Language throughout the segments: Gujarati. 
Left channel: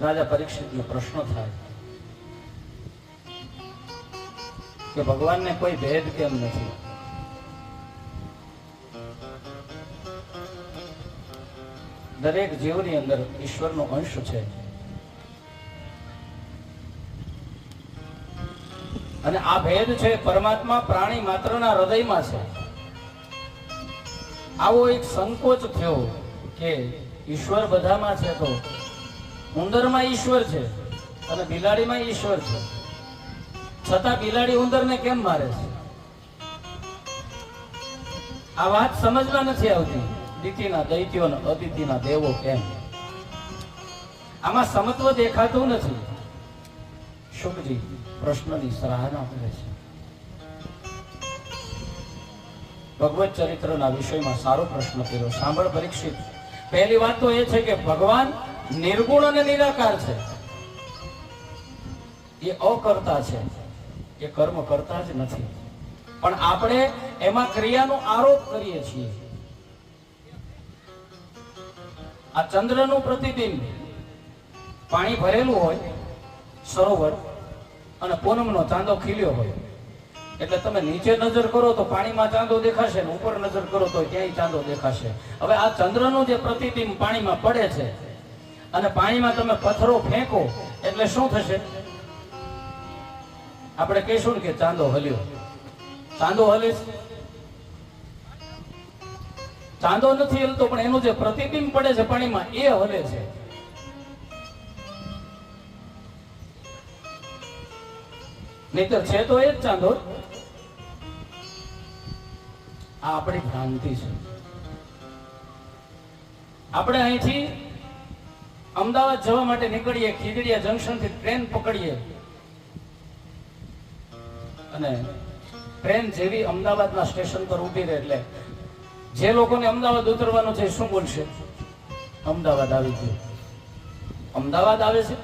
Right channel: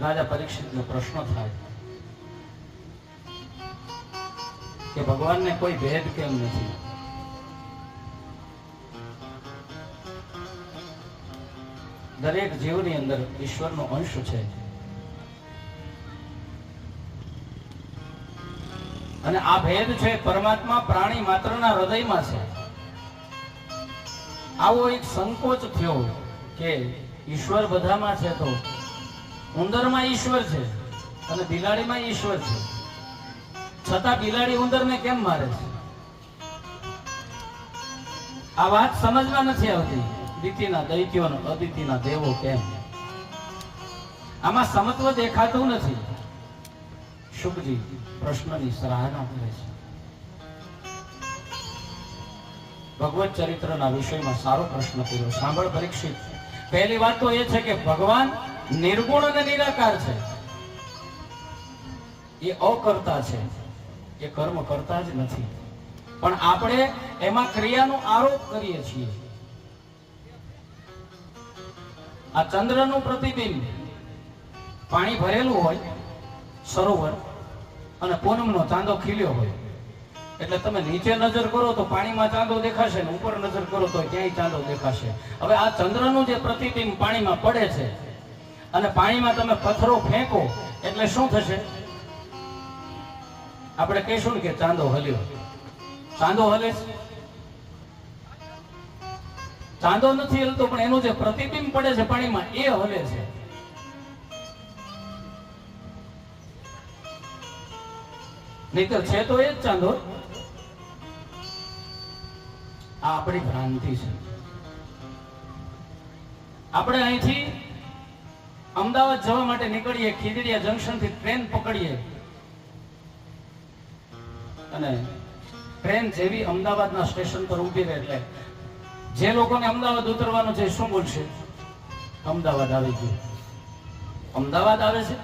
રાજા પરીક્ષિતનો પ્રશ્ન થાય કે ભગવાનને કોઈ ભેદ કેમ નથી? દરેક જીવની અંદર ઈશ્વરનો અંશ છે અને આ ભેદ છે પરમાત્મા પ્રાણી માત્રના હૃદયમાં છે. આવો એક સંકોચ થયો કે ઈશ્વર બધામાં છે તો ઉંદરમાં ઈશ્વર છે અને બિલાડીમાં ઈશ્વર છે, છતાં બિલાડી ઉંદરને કેમ મારે છે? આ વાત સમજવા નથી આવતી. દિતિના દૈત્યો અદિતિના દેવો કેમ? આમાં સમત્વ દેખાતું નથી. શુકજી પ્રશ્નની સરાહના કરે છે. ભગવત ચરિત્રના વિષયમાં સારો પ્રશ્ન કર્યો. સાંભળ પરીક્ષિત, પહેલી વાત તો એ છે કે ભગવાન નિર્ગુણ અને નિરાકાર છે. એ અકર્તા છે, એ કર્મ કરતા જ નથી. પણ આપણે એમાં ક્રિયાનો આરોપ કરીએ છીએ. આ ચંદ્રનું પ્રતિબિંબ, પાણી ભરેલું હોય સરોવર અને પૂનમનો ચાંદો ખીલ્યો હોય, એટલે તમે નીચે નજર કરો તો પાણીમાં ચાંદો દેખાશે ને ઉપર નજર કરો તો ક્યાંય ચાંદો દેખાશે. હવે આ ચંદ્રનું જે પ્રતિબિંબ પાણીમાં પડે છે અને પાણીમાં તમે પથ્થરો ફેંકો એટલે શું થશે? આપણે કહીશું ને કે ચાંદો હલ્યો. ચાંદો હલે છે? ચાંદો નથી હલતો, પણ એનું જે પ્રતિબિંબ પડે છે પાણીમાં એ હલે છે. નહીતર છે તો એ જ ચાંદો. આ આપણી ભ્રાંતિ છે. આપણે અહીંથી અમદાવાદ જવા માટે નીકળીએ, ખીજડીયા જંકશન થી ટ્રેન પકડીએ અને ટ્રેન જેવી અમદાવાદના સ્ટેશન પર ઉભી રહે એટલે જે લોકોને અમદાવાદ ઉતરવાનું છે શું બોલશે? અમદાવાદ આવી ગયું. અમદાવાદ આવે છે.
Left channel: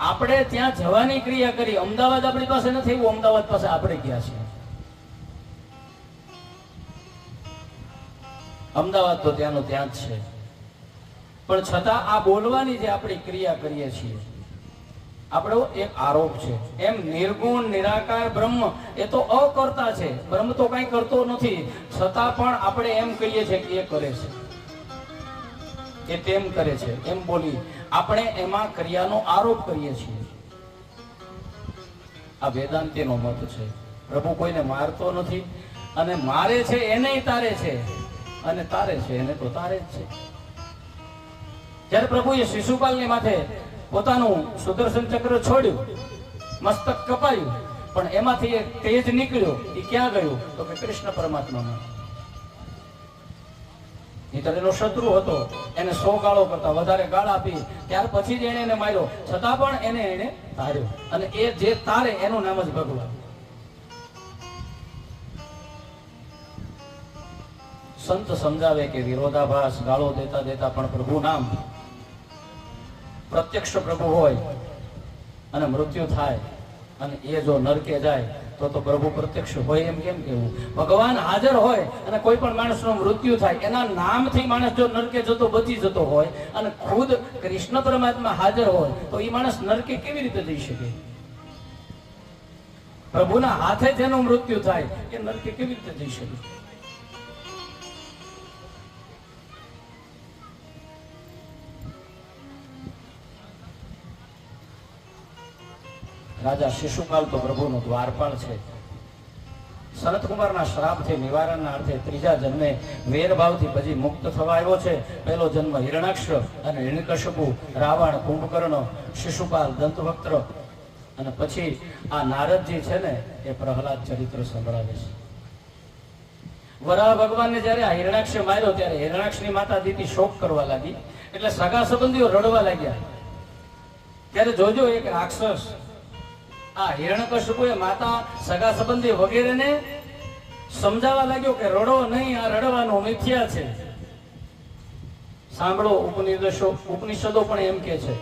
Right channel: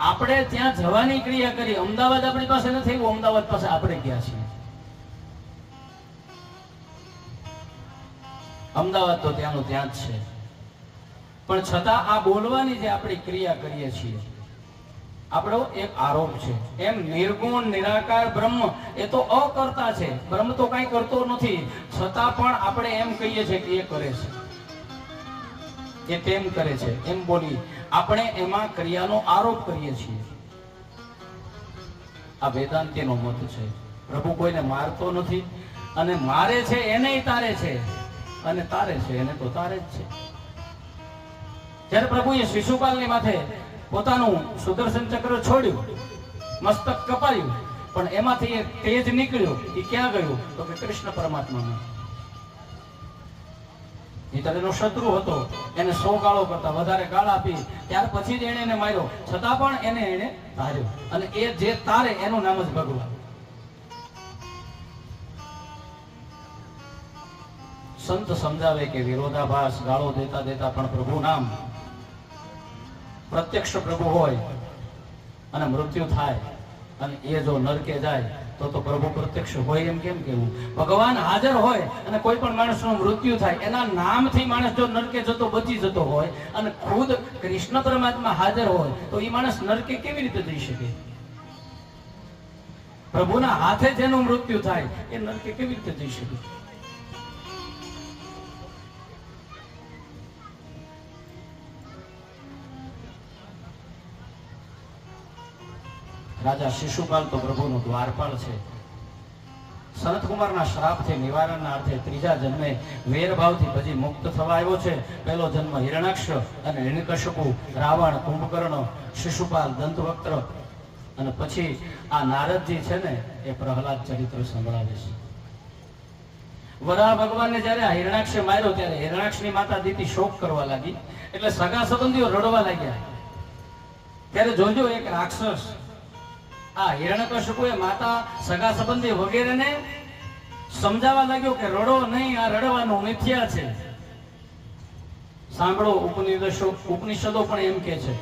આપણે ત્યાં જવાની ક્રિયા કરી. અમદાવાદ આપણી પાસે નથી, એવું અમદાવાદ પાસે આપણે ગયા છીએ. અમદાવાદ તો ત્યાંનું ત્યાં જ છે. પણ છતાં આ બોલવાની જે આપણી ક્રિયા કરીએ છીએ આપણો એક આરોપ છે. એમ નિર્ગુણ નિરાકાર બ્રહ્મ એ તો અકર્તા છે. બ્રહ્મ તો કઈ કરતો નથી, છતાં પણ આપણે એમ કહીએ છીએ કે એ કરે છે, એ તેમ કરે છે, એમ બોલી આપણે એમાં ક્રિયાનો આરોપ કરીએ છીએ. આ વેદાંતિનો મત છે. પ્રભુ કોઈને મારતો નથી અને મારે છે એને તારે છે અને તારે છે એને તો તારે જ છે. જ્યારે પ્રભુએ શિશુપાલની માથે પોતાનું સુદર્શન ચક્ર છોડ્યું, મસ્તક કપાયું, પણ એમાંથી એક તેજ નીકળ્યો. એ ક્યાં ગયું? તો કે કૃષ્ણ પરમાત્મામાં. એનો શત્રુ હતો, એને 100 ગાળો કરતા વધારે ગાળ આપી, ત્યાર પછી જ એને માર્યો, છતાં પણ એને તાર્યો. અને એ જે તારે એનું નામ જ ભગવાન. સંત સમજાવે કે વિરોધાભાસ, ગાળો દેતા દેતા પણ પ્રભુ નામ. પ્રત્યક્ષ પ્રભુ હોય અને મૃત્યુ થાય અને એ જો નરકે જાય તો પ્રભુ પ્રત્યક્ષ હોય એમ કેમ કેવું? ભગવાન હાજર હોય અને કોઈ પણ માણસનું મૃત્યુ થાય, એના નામથી માણસ જો નરકે જતો બચી જતો હોય અને ખુદ કૃષ્ણ પરમાત્મા હાજર હોય તો એ માણસ નરકે કેવી રીતે જઈ શકે? પ્રભુના હાથે જેનું મૃત્યુ થાય એ નરકે કેવી રીતે જઈ શકે? રાજા શિશુપાલ તો પ્રભુનો દ્વારપાળ છે. સનતકુમારના શ્રાપથી નિવારણના અર્થે ત્રીજા જન્મે વેરભાવથી પછી મુક્ત થવા આવ્યો છે. પહેલો જન્મ હિરણાક્ષ અને હિરણ્યકશિપુ, રાવણ, કુંભકર્ણ, શિશુપાલ, દંતવક્ત્ર અને પછી આ નારદજી છે ને એ પ્રહલાદ ચરિત્ર સંભળાવે છે. વરાહ ભગવાનને જયારે આ હિરણાક્ષે માર્યો ત્યારે હિરણાક્ષની માતા દીતિ શોક કરવા લાગી, એટલે સગા સંબંધીઓ રડવા લાગ્યા. ત્યારે જોજો એક રાક્ષસ આ હિરણ્યકશિપુએ માતા, સગા સંબંધી વગેરેને સમજાવવા લાગ્યો કે રડો નહીં, આ રડવાનું મિથ્યા છે. સાંભળો, ઉપનિષદો પણ એમ કે છે,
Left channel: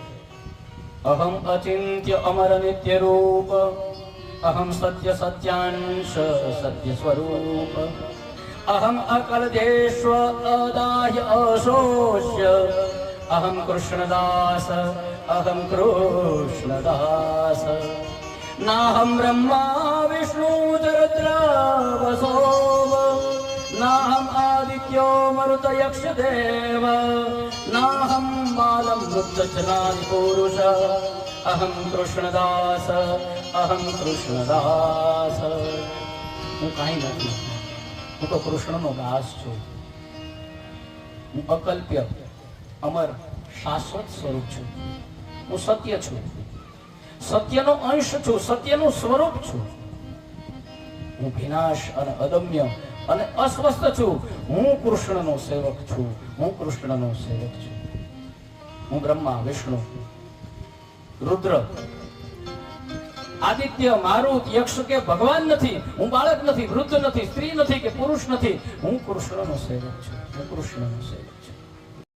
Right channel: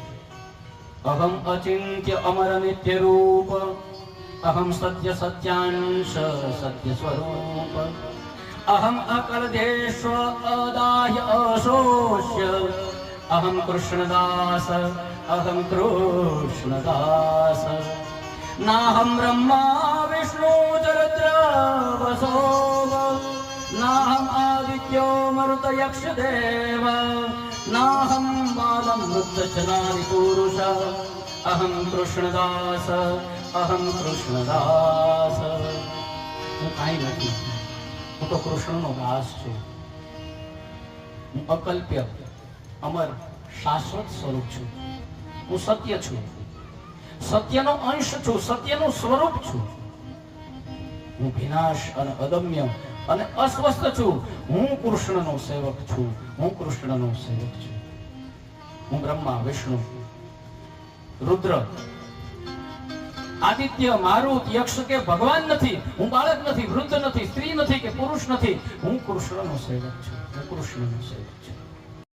અહમ અચિંત્ય અમર નિત્ય રૂપ, અહમ સત્ય સત્યાંશ સત્ય સ્વરૂપ, અહમ અકર્દેશ્વ અદાહ્ય અશોષ્ય અહમ કૃષ્ણદાસ અહમ કૃષ્ણદાસ નાહમ બ્રહ્મા વિષ્ણુ રુદ્ર વસો નાહમ આદિત્યો મરુત યક્ષ દેવ નાહમ બાલમ વૃદ્ધચનાદિ પુરુષ અહમ કૃષ્ણદાસ અહમ કૃષ્ણદાસ. હું કાંઈ નથી, હું તો કૃષ્ણનો દાસ છું. હું અકલ્પ્ય અમર શાશ્વત સ્વરૂપ છું. હું સત્ય છું, સત્યનો અંશ છું, સત્યનું સ્વરૂપ છું. હું વિનાશ અને અદમ્ય અને અસ્વસ્થ છું. હું કૃષ્ણનો સેવક છું, હું કૃષ્ણનો સેવક છું. હું બ્રહ્મા વિષ્ણુ રુદ્ર આદિત્ય મારુત યક્ષ કે ભગવાન નથી. હું બાળક નથી, વૃદ્ધ નથી, સ્ત્રી નથી કે પુરુષ નથી. હું કૃષ્ણનો સેવક છું, હું કૃષ્ણનો સેવક છું.